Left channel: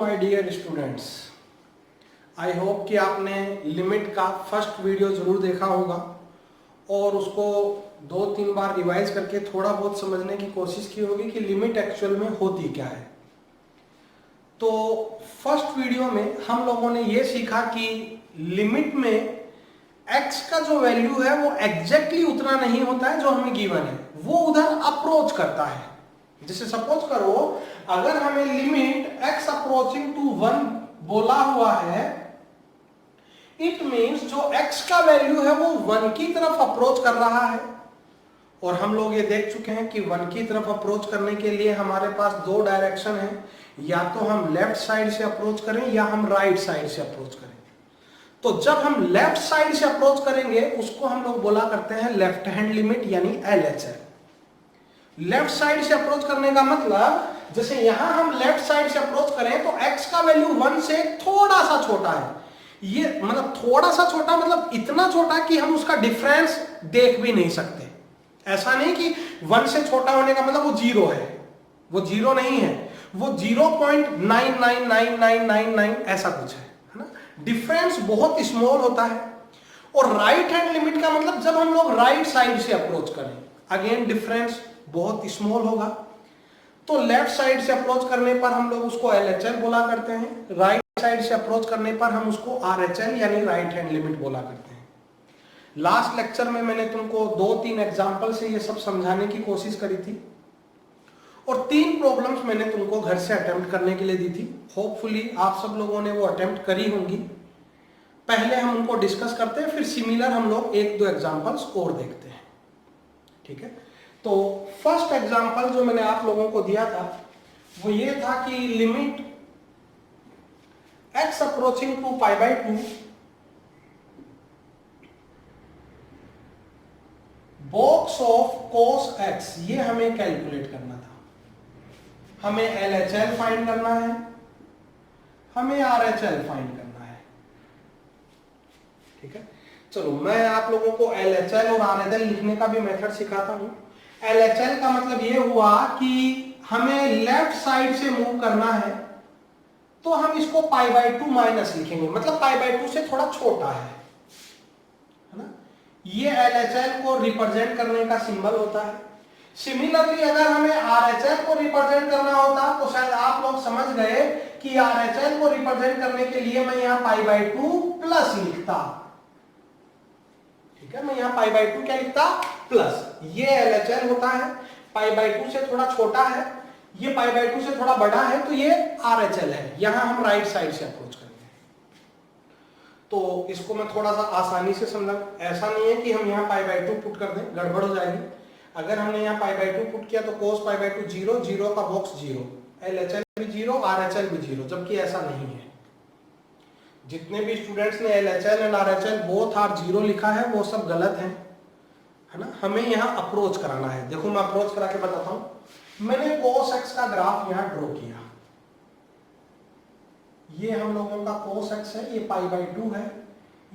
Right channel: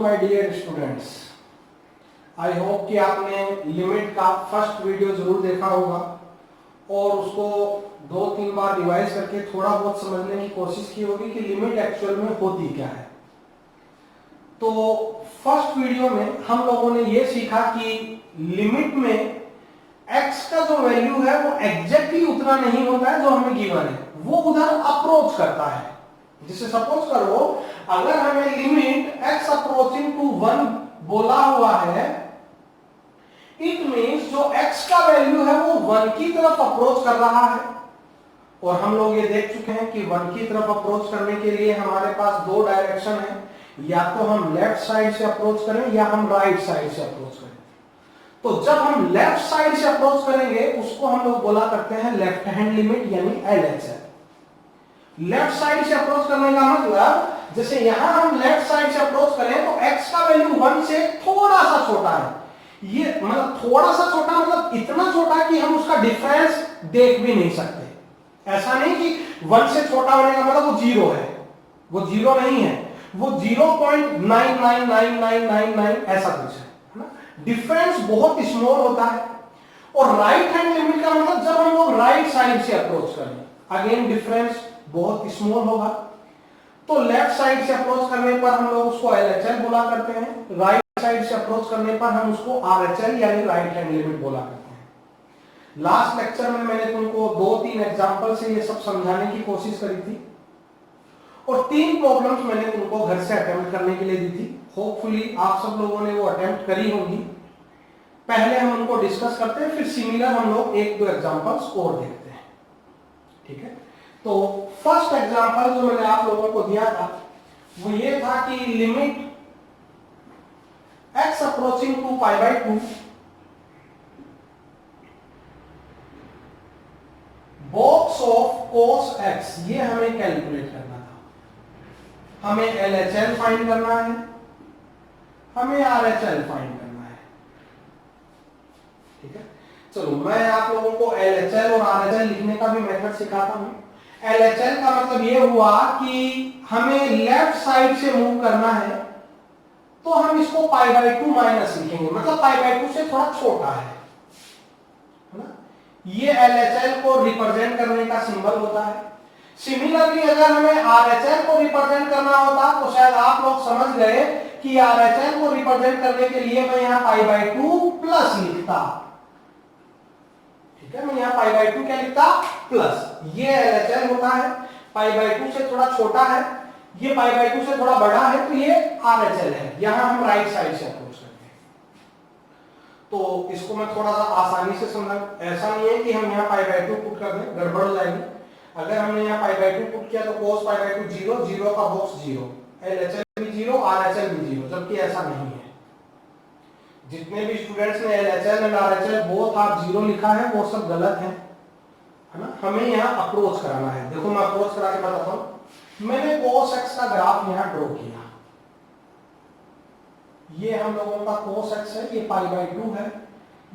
My dear students, I hope कि आपने limit का फर्स्ट वीडियो जरूर देखा होगा और उसको 2-3 बार रिवाइज करके थोड़ा बहुत समझने की कोशिश की होगी कि लिमिट एक्चुअल में होती क्या है। तो फर्स्ट वीडियो में हम लोगों ने ये सीखा कि लिमिट में x का जो वैल्यू है वो एग्जैक्टली उतना नहीं होता है जो हमें गिवन है, वो उधर अप्रोच करता है। जैसे सपोज करो अगर हमें लिमिट x अप्रोचिंग टू 1 बोला हुआ है, इट मींस जो x का वैल्यू है वो 1 की तरफ अप्रोच कर रहा है। और हम लोग ये देख चुके हैं कि 1 की तरफ अप्रोच करने के लिए हमारे पास दो डायरेक्शन है, या तो हम लेफ्ट साइड से अप्रोच करें या हम राइट साइड से अप्रोच करें। तो जब हम लेफ्ट साइड से अप्रोच करेंगे उसको हम लोग बोला करते हैं लेफ्ट हैंड लिमिट यानी LHL। लेफ्ट साइड से अप्रोच करने का मतलब जैसे यहां हम लेफ्ट साइड से अप्रोच करें तो x का वैल्यू 1 से थोड़ा सा छोटा है। ये मतलब थोड़ा सा छोटा मतलब इतना छोटा कि हम उसका डिफरेंस देख भी नहीं सकते। ऐसा नहीं कि 1 से छोटा होने का मतलब वो 0 है, वो 0 नहीं है, वो 0.999999 ऐसा कुछ है ना। डिफरेंस बहुत स्मॉल होता है। और राइट हैंड लिमिट का मतलब जब हम लोग राइट साइड से अप्रोच करें, अगेन डिफरेंस बहुत स्मॉल होगा। तो लेफ्ट साइड से अप्रोच करने पर हम लोग उसको LHL बोला करते हैं, राइट साइड से अप्रोच करने पर हम उसको RHL यानी राइट हैंड लिमिट बोला करते हैं। लास्ट लेक्चर में मैंने तुमको 2-3 एग्जांपल से ये सब समझाने की कोशिश करी थी और 3 प्रॉब्लम्स मैंने तुमको घर से अटेम्प्ट करने के लिए दी थी। होपफुली आप सब लोगों ने वो अटेम्प्ट करी होंगी। पहले हम उनको डिस्कस करते हैं, फिर सिमिलर हम लोग 1-2 एग्जांपल्स और देखते हैं, ठीक है। तो फर्स्ट एग्जांपल जो मैंने आप लोगों को दिया था वो ये था कि limit x approaching to π/2 box of cos x, ये हमें कैलकुलेट करना था। हमें LHL फाइंड करना है, हमें RHL फाइंड करना है, ठीक है। चलो मैं आप लोगों को LHL और RHL लिखने का भी मेथड सिखाता हूं। LHL का मतलब ये हुआ कि हमें लेफ्ट साइड से मूव करना है तो हम इसको π/2 माइनस लिखेंगे, मतलब π/2 से थोड़ा छोटा है ना। ये LHL को रिप्रेजेंट करने का सिंबल होता है। सिमिलरली अगर हमें RHL को रिप्रेजेंट करना होता तो शायद आप लोग समझ गए कि RHL को रिप्रेजेंट करने के लिए मैं यहां π/2 प्लस लिखता, ठीक है। मैं यहां π/2 क्या लिखता, प्लस। ये LHL होता है, π/2 से थोड़ा छोटा है, ये π/2 से थोड़ा बड़ा है, तो ये RHL है। यहां हम राइट साइड से अप्रोच करेंगे। तो इसको मैं थोड़ा सा आसानी से समझा, ऐसा नहीं है कि हम यहां π/2 पुट कर दें, गड़बड़ हो जाएगी। अगर हमने यहां π/2 पुट किया तो cos π/2 0, 0 का बॉक्स 0, LHL भी 0, RHL भी 0, जबकि ऐसा नहीं है। जितने भी स्टूडेंट्स ने LHL एंड RHL बोथ आप 0 लिखा है वो सब गलत है ना। हमें यहाँ अप्रोच कराना है। देखो मैं अप्रोच करा के बताता हूं। मैंने cos x का ग्राफ यहाँ ड्रॉ किया, ये हम लोगों का cos x है, ये π/2 है,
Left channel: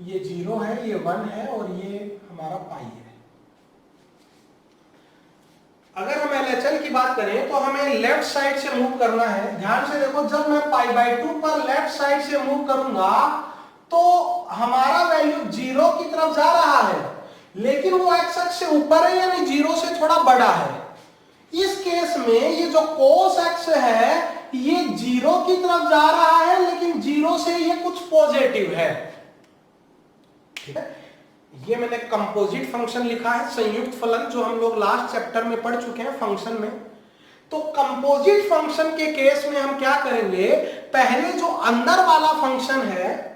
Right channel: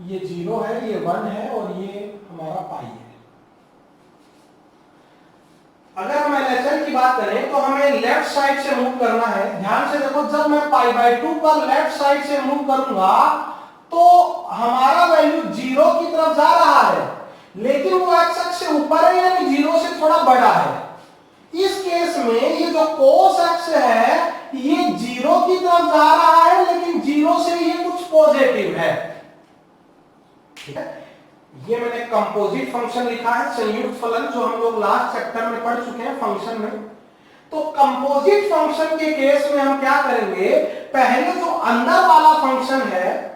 ये 0 है, ये 1 है और ये हमारा पाई है। अगर हम LHL की बात करें तो हमें लेफ्ट साइड से मूव करना है। ध्यान से देखो, जब मैं π/2 पर लेफ्ट साइड से मूव करूंगा तो हमारा वैल्यू 0 की तरफ जा रहा है, लेकिन वो x एक्सिस से ऊपर है यानी 0 से थोड़ा बड़ा है। इस केस में ये जो cos x है ये 0 की तरफ जा रहा है, लेकिन 0 से ये कुछ पॉजिटिव है, ठीक है। ये मैंने कंपोजिट फंक्शन लिखा है, संयुक्त फलन, जो हम लोग लास्ट चैप्टर में पढ़ चुके हैं फंक्शन में। तो कंपोजिट फंक्शन के केस में हम क्या करेंगे, पहले जो अंदर वाला फंक्शन है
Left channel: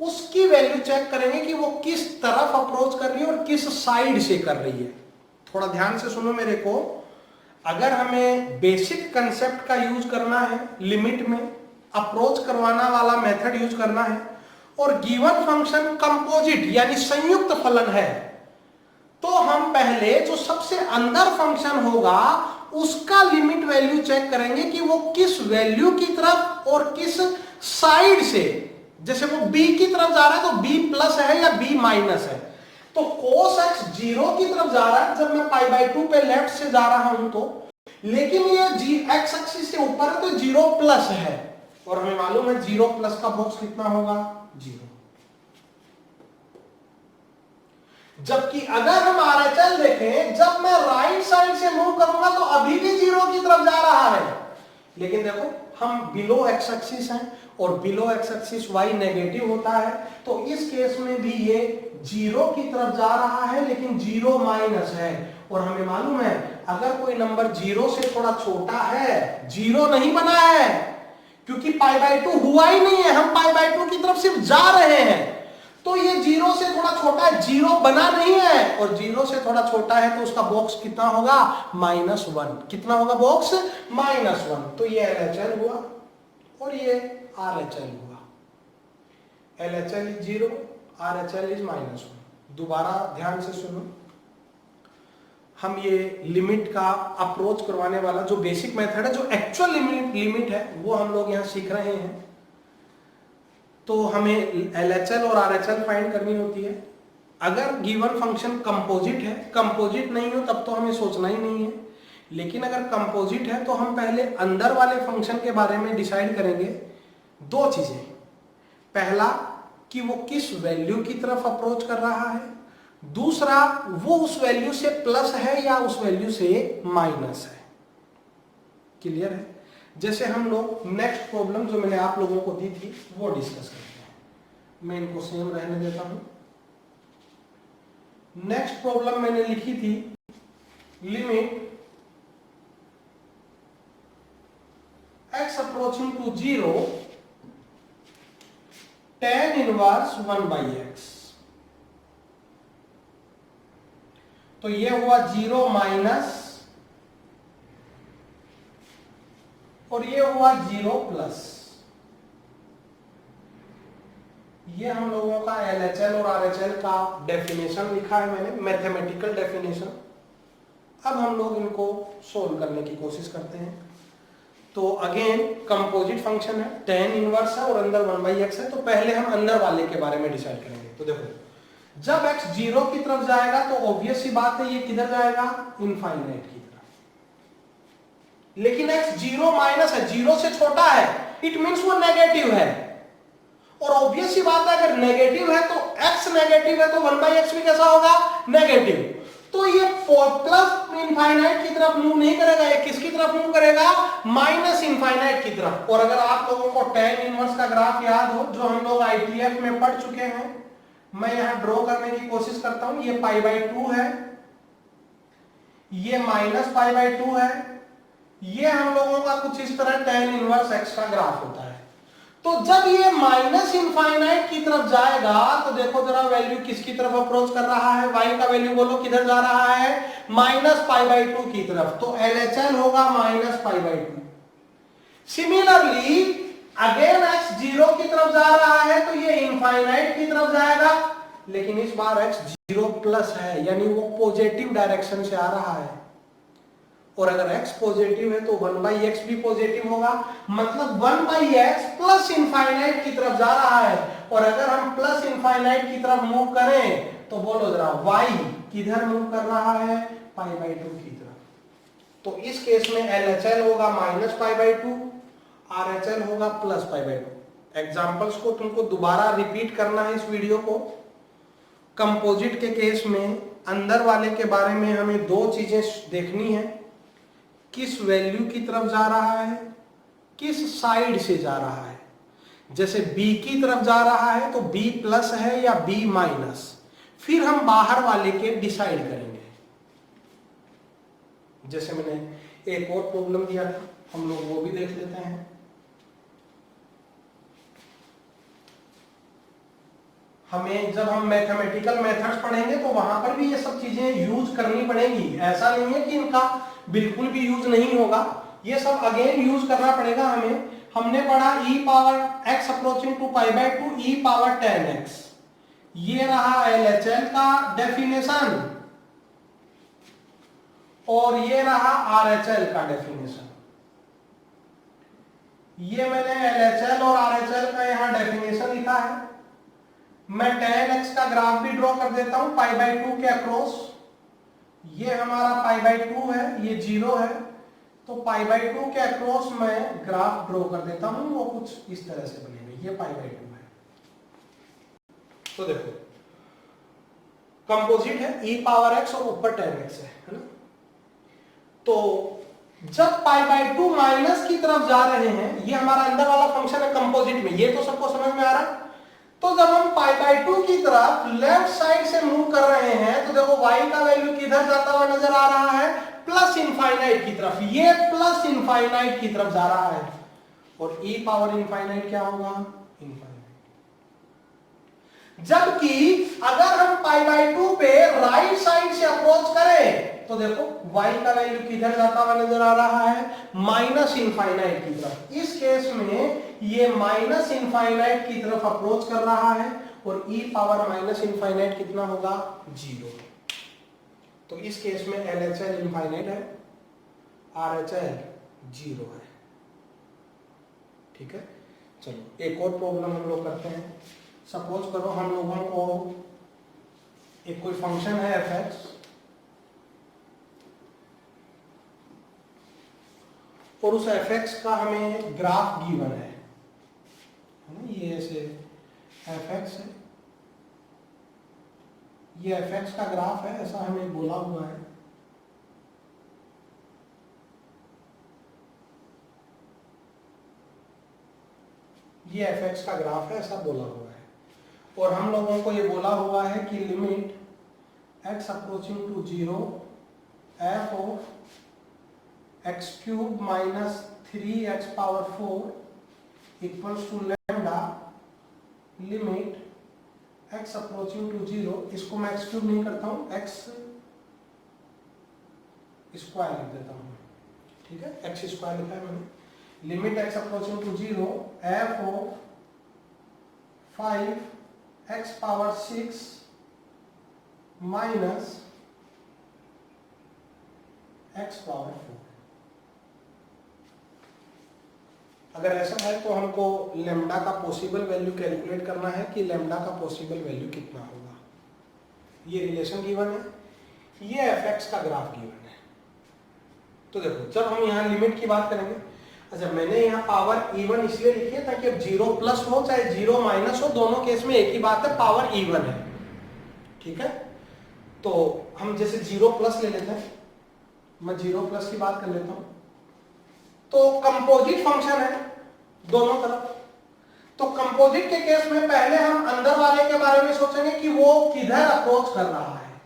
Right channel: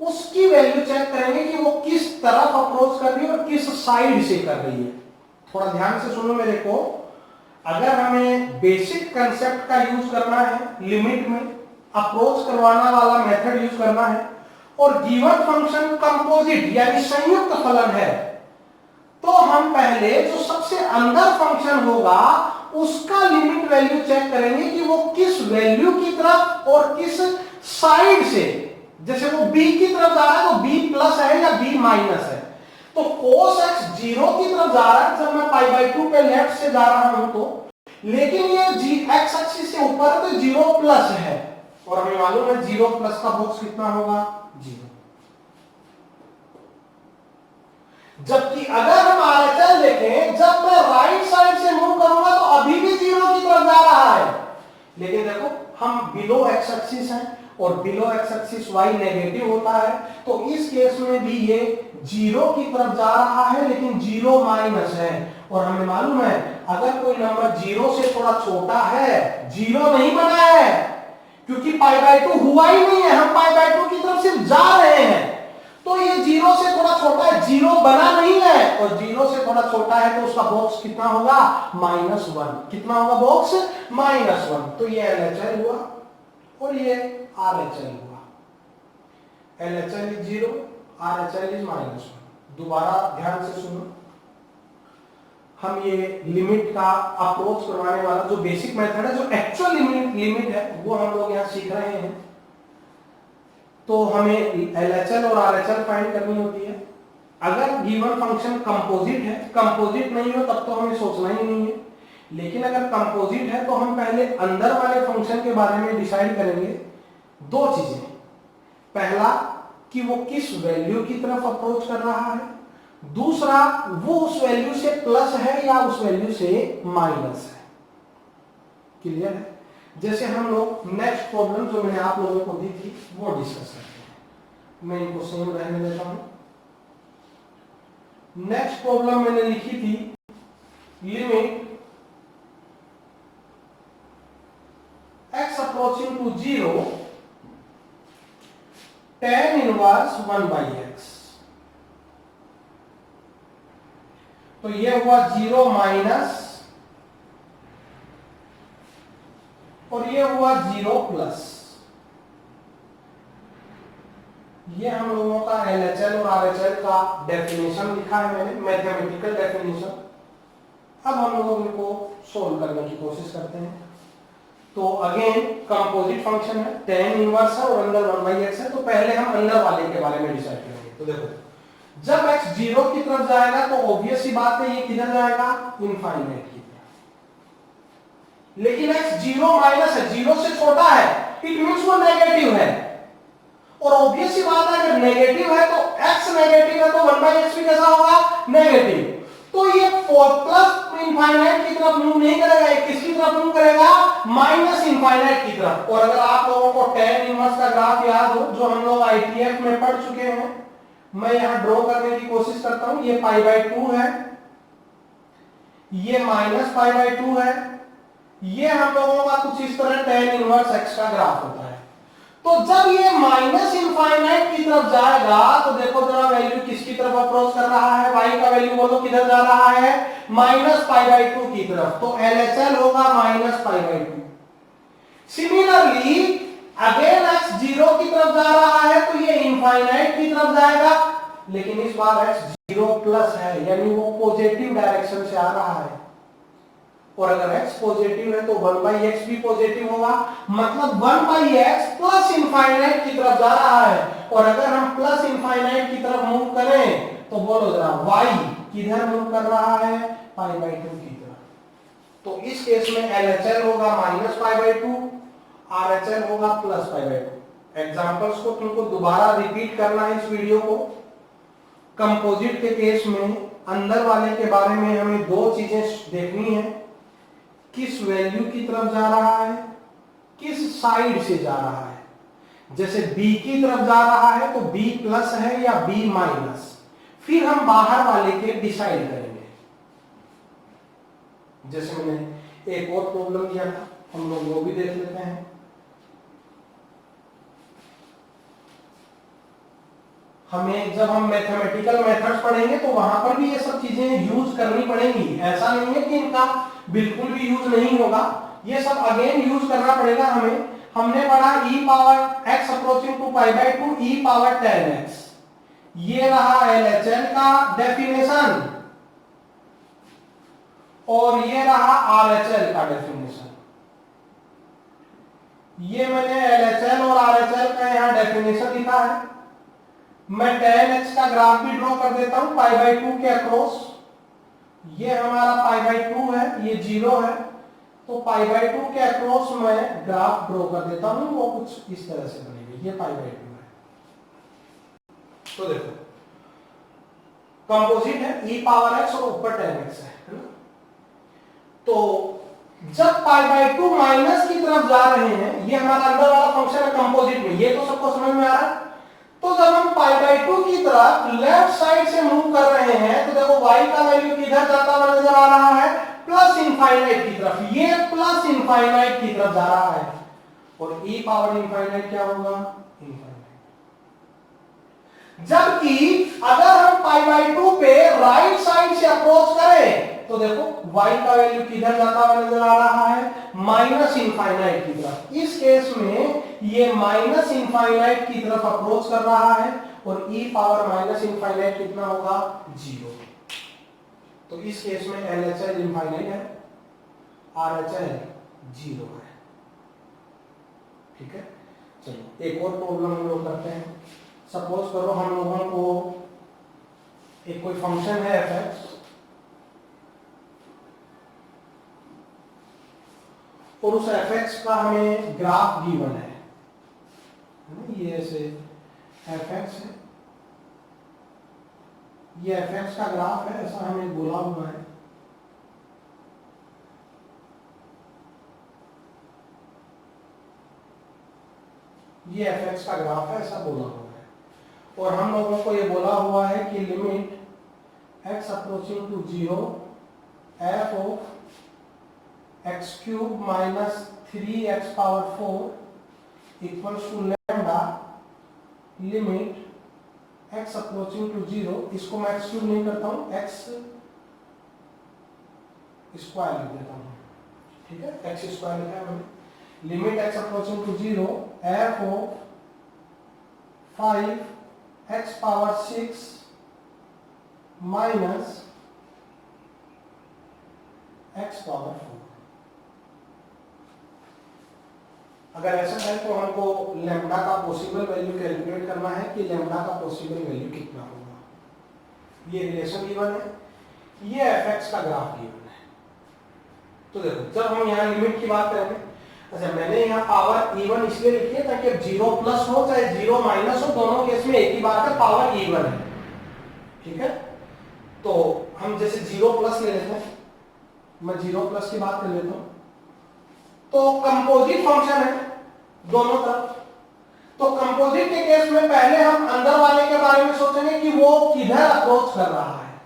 उसकी वैल्यू चेक करेंगे कि वो किस तरफ अप्रोच कर रही है और किस साइड से कर रही है। थोड़ा ध्यान से सुनो मेरे को। अगर हमें बेसिक कंसेप्ट का यूज करना है, लिमिट में अप्रोच करवाना वाला मेथड यूज करना है और गिवन फंक्शन कंपोजिट यानी संयुक्त फलन है, तो हम पहले जो सबसे अंदर फंक्शन होगा उसका लिमिट वैल्यू चेक करेंगे कि वो किस वैल्यू की तरफ और किस साइड से। जैसे वो b की तरफ जा रहा है तो b प्लस है या b माइनस है। तो cos x 0 की तरफ जा रहा है जब मैं π/2 पे लेफ्ट से जा रहा हूं तो, लेकिन ये x एक्सिस से ऊपर है तो 0 प्लस है। और हमें मालूम है 0 प्लस का बॉक्स कितना होगा 0। जबकि अगर हम आरएचएल देखें, जब मैं राइट साइड से मूव करूंगा तो अभी भी 0 की तरफ जा रहा है, लेकिन देखो हम बिलो एक्स एक्सिस हैं और below x axis y negative होता है, तो इस केस में भी ये 0 की तरफ जा रहा है, लेकिन 0 माइनस है। और हमें मालूम है अगर कोई नंबर 0 से थोड़ा छोटा है, 0 नहीं बना है क्योंकि π/2 हुआ ही नहीं है, हम π/2 की तरफ सिर्फ जा रहे हैं, तो ये 0 से थोड़ा छोटा है, 0 बना नहीं है, और 0 से थोड़ा छोटा है तो उसका बॉक्स कितना होगा -1। कितना होगा बॉक्स -1। तो ये LHL हुआ और ये RHL हुआ। LHL is 0, RHL is -1। दोबारा ध्यान से सुनो, हम ये लिमिट का अप्रोच करवाने वाला जो बेसिक मेथड है, जो एक्चुअल लिमिट है, वो हम लोग यहाँ सीख रहे हैं। तो हमें LHL और RHL फाइंड करनी होती है। अगर गिवन फंक्शन कंपोजिट है, कंपोजिट नहीं हो तब तो हमें सोचना ही नहीं है, लेकिन अगर कंपोजिट है तो हम पहले अंदर वाले फंक्शन के बारे में डिसाइड करेंगे। दो चीजें, पहला कि वो किस वैल्यू की तरफ अप्रोच कर रहा है, दूसरा वो उस वैल्यू से प्लस है या उस वैल्यू से माइनस है। क्लियर है? जैसे हम लोग नेक्स्ट प्रॉब्लम जो मैंने आप लोगों को दी थी वो डिस्कस करते हैं। मैं इनको सेम रहने देता हूं। नेक्स्ट प्रॉब्लम मैंने लिखी थी, limit x approaching to 0 tan inverse 1/x। तो ये हुआ 0 माइनस और ये हुआ 0 प्लस। ये हम लोगों का LHL और RHL का डेफिनेशन लिखा है मैंने, मैथमेटिकल डेफिनेशन। अब हम लोग इनको सोल्व करने की कोशिश करते हैं। तो अगेन कंपोजिट फंक्शन है, tan इनवर्स है और अंदर 1/x है। तो पहले हम अंदर वाले के बारे में डिसाइड करेंगे। तो देखो, जब x 0 की तरफ जाएगा तो ऑब्वियस सी बात है ये किधर जाएगा, इनफाइनाइट की तरफ। लेकिन x 0 माइनस है, 0 से छोटा है, इट मींस वो नेगेटिव है। और ऑब्वियस सी बात है अगर नेगेटिव है तो x नेगेटिव है तो 1/x भी कैसा होगा, नेगेटिव। तो ये प्लस इनफाइनाइट की तरफ मूव नहीं करेगा, ये किसकी तरफ मूव करेगा, माइनस इनफाइनाइट की तरफ। और अगर आप लोगों को tan इनवर्स का ग्राफ याद हो जो हम लोग ITF में पढ़ चुके हैं, मैं यहां ड्रॉ करने की कोशिश करता हूं। ये π/2 है, ये -π/2 है, ये हम लोगों का कुछ इस तरह tan इनवर्स x का ग्राफ होता है। तो जब ये माइनस इनफाइनाइट की तरफ जाएगा तो देखो जरा वैल्यू किसकी तरफ अप्रोच कर रहा है, y का वैल्यू बोलो किधर जा रहा है, -π/2 की तरफ। तो LHL होगा -π/2। सिमिलरली अगेन x 0 की तरफ जा रहा है तो ये इनफाइनाइट की तरफ जाएगा, लेकिन इस बार x 0 प्लस है, यानी वो पॉजिटिव डायरेक्शन से आ रहा है। और अगर x पॉजिटिव है तो 1/x भी पॉजिटिव होगा, मतलब 1/x प्लस इनफाइनाइट की तरफ जा रहा है। और अगर हम प्लस इनफाइनाइट की तरफ मूव करें तो बोलो जरा y किधर मूव कर रहा है, π/2 की तरफ। तो इस केस में LHL होगा -π/2, RHL होगा +π/2। एग्जांपल्स को तुमको दोबारा रिपीट करना है इस वीडियो को। कंपोजिट के केस में अंदर वाले के बारे में हमें दो चीजें देखनी है, किस वैल्यू की तरफ जा रहा है, किस साइड से जा रहा है। जैसे b की तरफ जा रहा है तो b प्लस है या b माइनस, फिर हम बाहर वाले के डिसाइड करेंगे। जैसे मैंने एक और प्रॉब्लम दिया था, हम लोग वो भी देख लेते हैं। हमें जब हम मैथमेटिकल मेथड्स पढ़ेंगे तो वहां पर भी ये सब चीजें यूज करनी पड़ेंगी। ऐसा नहीं है कि इनका बिल्कुल भी यूज नहीं होगा, ये सब अगेन यूज करना पड़ेगा हमें। हमने पढ़ा e power x approaching to π/2 e power tan x, ये रहा LHL का डेफिनेशन और ये रहा RHL का डेफिनेशन। ये मैंने LHL और RHL का यहां डेफिनेशन लिखा है। मैं tan x का ग्राफ भी ड्रॉ कर देता हूं π/2 के अक्रॉस। ये हमारा π/2 है, ये 0 है, तो पाई बाई 2 के अक्रॉस मैं ग्राफ ड्रॉ कर देता हूं, वो कुछ इस तरह से बनेगी। ये पाई बाई 2 है। तो देखो कंपोजिट है, e पावर x और ऊपर tan x है ना। तो जब पाई बाई 2 माइनस की तरफ जा रहे हैं, ये हमारा अंदर वाला फंक्शन है कंपोजिट में, ये तो सबको समझ में आ रहा है। तो जब हम पाई बाई 2 की तरफ लेफ्ट साइड से मूव कर रहे हैं, तो देखो y का वैल्यू किधर जाता हुआ नजर आ रहा है, प्लस इनफाइनाइट की तरफ। ये प्लस इनफाइनाइट की तरफ जा रहा है, और e पावर इनफाइनाइट क्या होगा, इनफाइनाइट। जबकि अगर हम पाई बाई 2 पे राइट साइड से अप्रोच करें, तो देखो y का वैल्यू किधर जाता हुआ नजर आ रहा है, माइनस इनफाइनाइट की तरफ। इस केस में ये माइनस इनफाइनाइट की तरफ अप्रोच कर रहा है, और e पावर माइनस इनफाइनाइट कितना होगा, 0। तो इस केस में LHS इनफाइनाइट है, RHS 0 है। ठीक है, चलो एक और प्रॉब्लम हम लोग करते हैं। सपोज करो हम लोगों को एक कोई फंक्शन है fx, और उस fx का हमें ग्राफ गिवन है, ये ऐसे fx है, ये fx का ग्राफ है, ऐसा हमें बोला हुआ है। ये fx का ग्राफ है, ऐसा बोला हुआ है, और हम लोगों को ये बोला हुआ है कि limit x approaching to 0 f of x cube minus 3x power 4 equals to lambda limit x approaching to 0, इसको मैं x क्यूब नहीं करता हूं, x स्क्वायर लिख देता हूं। ठीक है, x स्क्वायर लिखा है मैंने। Limit x approaching to 0 f of 5x power 6 minus x power 4। अगर ऐसा है तो हमको लैम्डा का पॉसिबल वैल्यू कैलकुलेट करना है कि लैम्डा का पॉसिबल वैल्यू कितना होगा। ये रिलेशन गिवन है, ये fx का ग्राफ गिवन है। तो देखो जब हम यहाँ लिमिट की बात करेंगे, अच्छा मैंने यहाँ पावर इवन इसलिए लिखी है ताकि अब 0 प्लस हो चाहे 0 माइनस हो, दोनों केस में एक ही बात है, पावर इवन है। ठीक है, तो हम जैसे 0 प्लस ले लेते हैं, मैं 0 प्लस की बात कर लेता हूं। तो कंपोजिट फंक्शन है दोनों तरफ। तो कंपोजिट के केस में पहले हम अंदर वाले के बारे में सोचेंगे कि वो किधर अप्रोच कर रहा है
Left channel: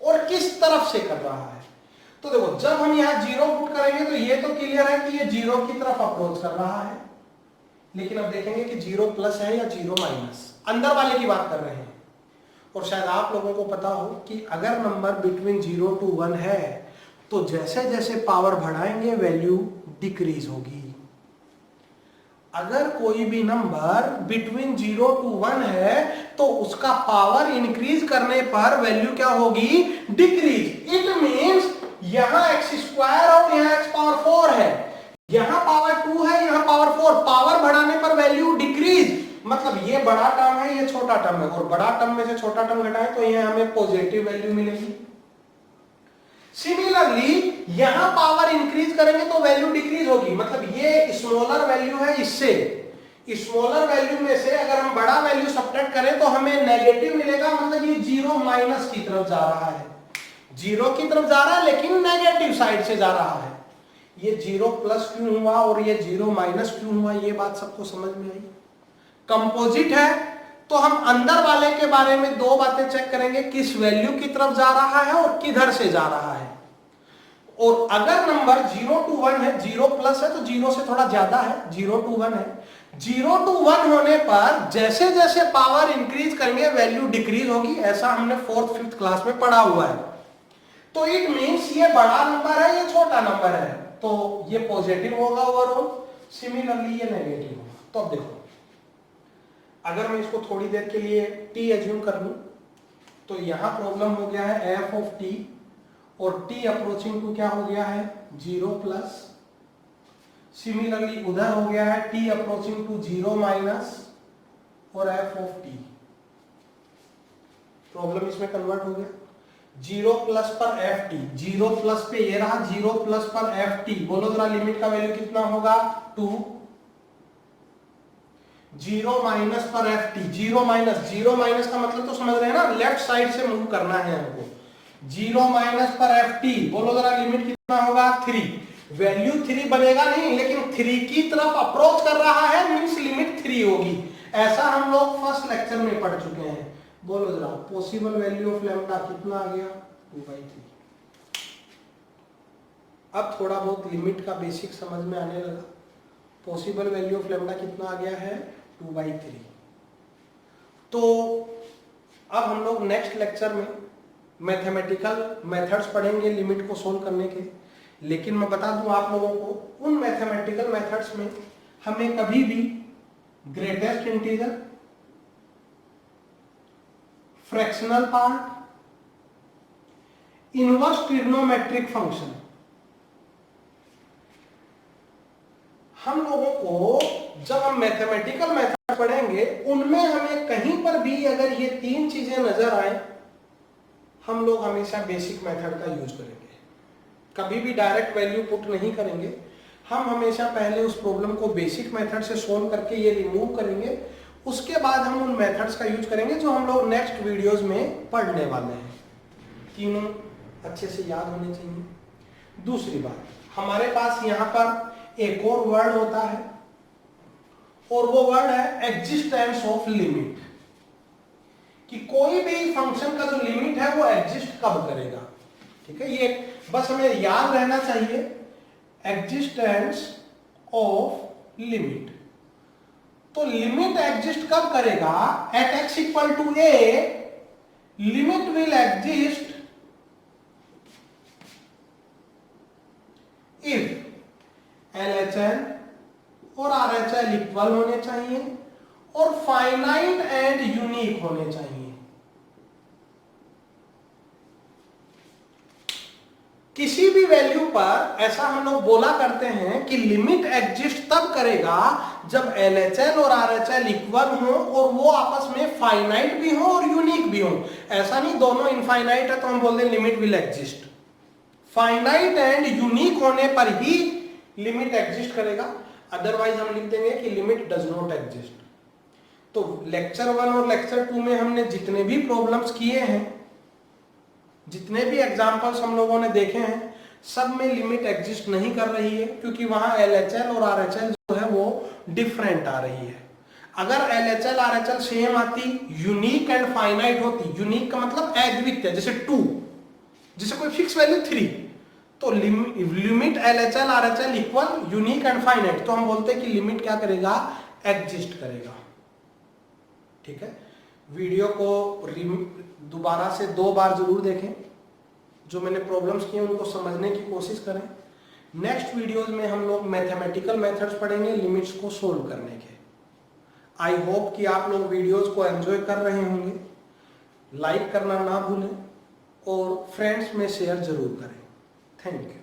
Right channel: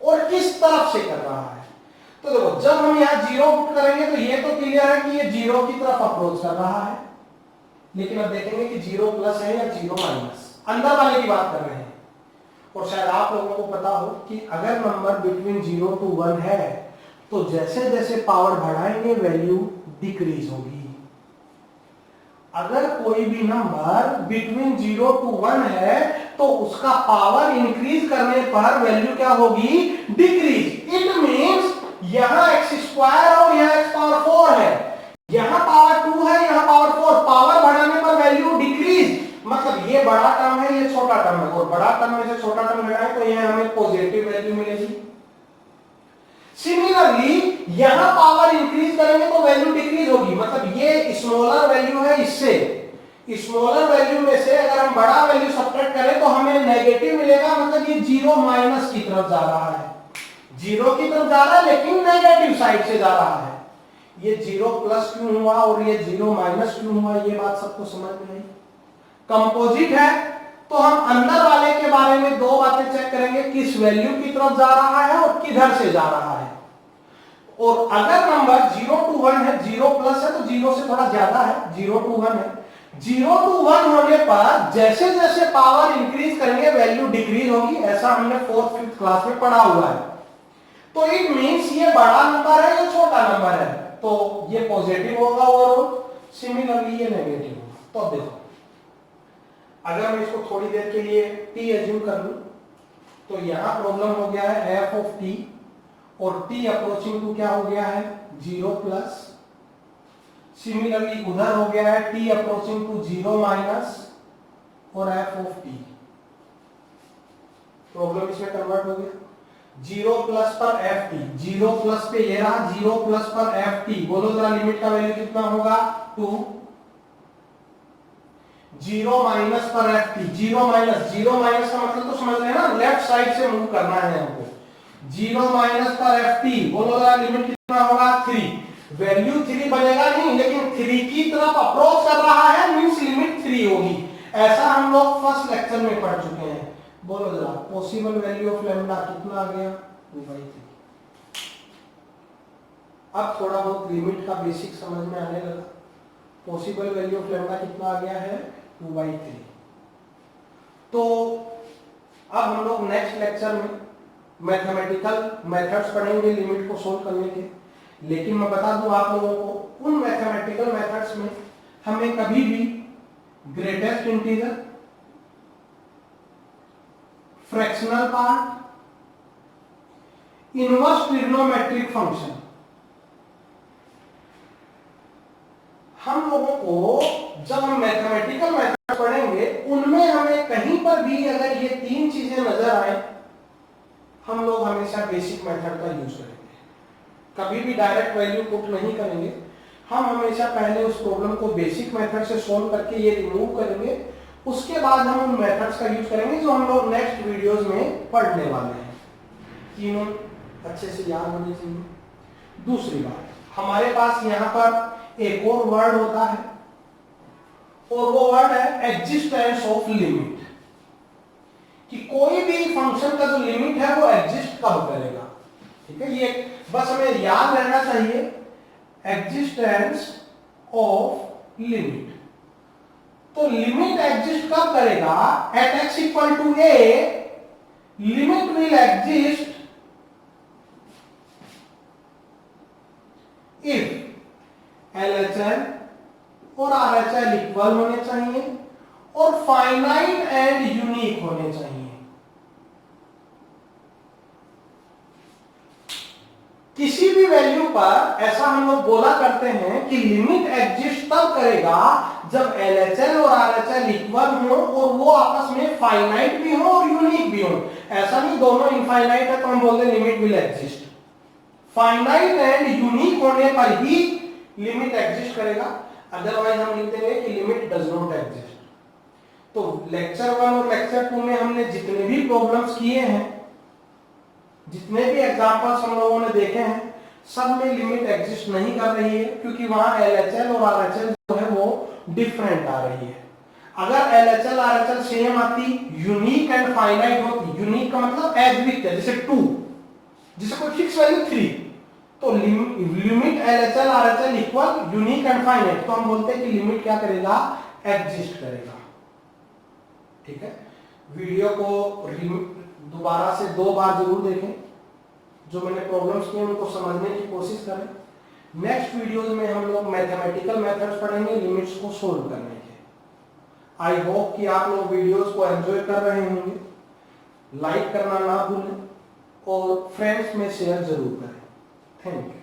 और किस तरफ से कर रहा है। तो देखो जब हम यहाँ 0 पुट करेंगे तो ये तो क्लियर है कि ये 0 की तरफ अप्रोच कर रहा है, लेकिन अब देखेंगे कि 0 प्लस है या 0 माइनस, अंदर वाले की बात कर रहे हैं। और शायद आप लोगों को पता हो कि अगर नंबर बिटवीन 0 to 1 है तो जैसे जैसे पावर बढ़ाएंगे वैल्यू डिक्रीज होगी। अगर कोई भी नंबर बिटवीन 0 to 1 है तो उसका पावर इंक्रीज करने पर वैल्यू क्या होगी, डिक्रीज। इट मींस यहां x स्क्वायर और यहां x पावर 4 है, यहां पावर 2 है, यहां पावर 4, पावर बढ़ाने पर वैल्यू डिक्रीज। मतलब ये बड़ा टर्म है, ये छोटा टर्म है, और बड़ा टर्म में से छोटा टर्म घटाएं तो ये हमें पॉजिटिव वैल्यू मिलेगी। सिमिलरली यहां पावर इंक्रीज करेंगे तो वैल्यू डिक्रीज होगी। मतलब ये स्मॉलर वैल्यू है, इससे स्मॉलर वैल्यू में से अगर हम बड़ा वैल्यू सब्ट्रैक्ट करें तो हमें नेगेटिव मिलेगा। मतलब ये 0 माइनस की तरफ जा रहा है, 0 की तरफ जा रहा है लेकिन नेगेटिव साइड से जा रहा है। ये 0 प्लस क्यों हुआ और ये 0 माइनस क्यों हुआ, ये बात सबको समझ में आई। कंपोजिट है तो हम अंदर वाले के बारे में दो बातें चेक करेंगे, किस वैल्यू की तरफ जा रहा है और किधर से जा रहा है। और अगर नंबर 0 to 1 है, 0 प्लस है तो 0 से थोड़ा ज्यादा है, 0 to 1 है, 0 to 1 होने पर जैसे जैसे पावर इंक्रीज करेंगे वैल्यू डिक्रीज होगी। ऐसा हमने 4th 5th क्लास में पढ़ा हुआ है। तो इट मींस ये बड़ा नंबर है, ये छोटा नंबर है, तो ये पॉजिटिव होगा ओवरऑल, सिमिलरली ये नेगेटिव होगा। तो अब देखो अगर मैं इसको थोड़ी देर के लिए t एज्यूम कर लूं तो यहां प्रॉब्लम हो गया है f ऑफ t, और t अप्रोचिंग टू क्या हो गया है, 0 प्लस। सिमिलरली उधर हो गया है t अप्रोचिंग टू 0 माइनस और f ऑफ t। प्रॉब्लम इसमें कन्वर्ट हो गया। जीरो प्लस पर एफ टी, जीरो प्लस पे ये रहा, जीरो प्लस पर एफ टी, बोलो जरा लिमिट का वैल्यू कितना होगा 2। जीरो माइनस पर एफ टी, जीरो माइनस का मतलब तो समझ रहे हैं ना, लेफ्ट साइड से मूव करना है हमको। जीरो माइनस पर एफ टी, बोलो जरा लिमिट कितना होगा 3। वैल्यू 3 बनेगा नहीं, लेकिन 3 की तरफ अप्रोच कर रहा है, मींस लिमिट 3 होगी। ऐसा हम लोग फर्स्ट लेक्चर में पढ़ चुके हैं। बोलो जरा पॉसिबल वैल्यू ऑफ लैम्डा कितना आ गया 2/3। अब थोड़ा बहुत लिमिट का बेसिक समझ में आने लगा। पॉसिबल वैल्यू ऑफ लैम्डा कितना आ गया है 2/3। तो अब हम लोग नेक्स्ट लेक्चर में मैथमेटिकल मेथड्स पढ़ेंगे लिमिट को सोल्व करने के। लेकिन मैं बता दूं आप लोगों को, उन मैथमेटिकल मेथड्स में हमें कभी भी greatest integer, fractional part, inverse trigonometric function, हम लोगों को जब हम मैथमेटिकल मेथड पढ़ेंगे उनमें हमें कहीं पर भी अगर ये 3 चीजें नजर आए, हम लोग हमेशा बेसिक मेथड का यूज करेंगे। कभी भी डायरेक्ट वैल्यू पुट नहीं करेंगे, हम हमेशा पहले उस प्रॉब्लम को बेसिक मेथड से सोल्व करके ये रिमूव करेंगे, उसके बाद हम उन मेथड्स का यूज करेंगे जो हम लोग नेक्स्ट वीडियोस में पढ़ने वाले हैं। तीनों अच्छे से याद होने चाहिए। दूसरी बात, हमारे पास यहाँ पर एक और वर्ड होता है और वो वर्ड है एग्जिस्टेंस ऑफ लिमिट, कि कोई भी फंक्शन का जो लिमिट है वो एग्जिस्ट कब करेगा। ठीक है, ये बस हमें याद रहना चाहिए, एग्जिस्टेंस ऑफ लिमिट। तो लिमिट एग्जिस्ट कब करेगा, at x equal to a limit will exist if LHL और RHL इक्वल होने चाहिए और फाइनाइट एंड यूनिक होने चाहिए। किसी भी वैल्यू पर ऐसा हम लोग बोला करते हैं कि लिमिट एग्जिस्ट तब करेगा जब LHL और RHL इक्वल हो और वो आपस में फाइनाइट भी हो और यूनिक भी हो। ऐसा नहीं दोनों इनफाइनाइट है तो हम बोलते हैं limit will exist. Finite and unique होने पर ही लिमिट एग्जिस्ट करेगा, अदरवाइज हम लिख देंगे कि लिमिट डज नॉट एग्जिस्ट। तो लेक्चर 1 और लेक्चर 2 में हमने जितने भी प्रॉब्लम्स किए हैं, जितने भी एग्जांपल्स हम लोगों ने देखे हैं, सब में लिमिट एग्जिस्ट नहीं कर रही है, क्योंकि वहां LHL और RHL जो है वो डिफरेंट आ रही है। अगर LHL RHL सेम आती, यूनिक एंड फाइनाइट होती, यूनिक का मतलब एग्जिस्ट है, जैसे 2, जैसे कोई फिक्स वैल्यू 3, तो limit LHL RHL equal unique and finite, तो हम बोलते हैं कि लिमिट क्या करेगा, एग्जिस्ट करेगा। ठीक है, वीडियो को दोबारा से 2 बार जरूर देखें, जो मैंने प्रॉब्लम्स किए उनको समझने की कोशिश करें। नेक्स्ट वीडियोस में हम लोग मैथमेटिकल मेथड्स पढ़ेंगे लिमिट्स को सोल्व करने के। आई होप कि आप लोग वीडियोस को एंजॉय कर रहे होंगे। लाइक करना ना भूलें और फ्रेंड्स में शेयर जरूर करें। Thank you.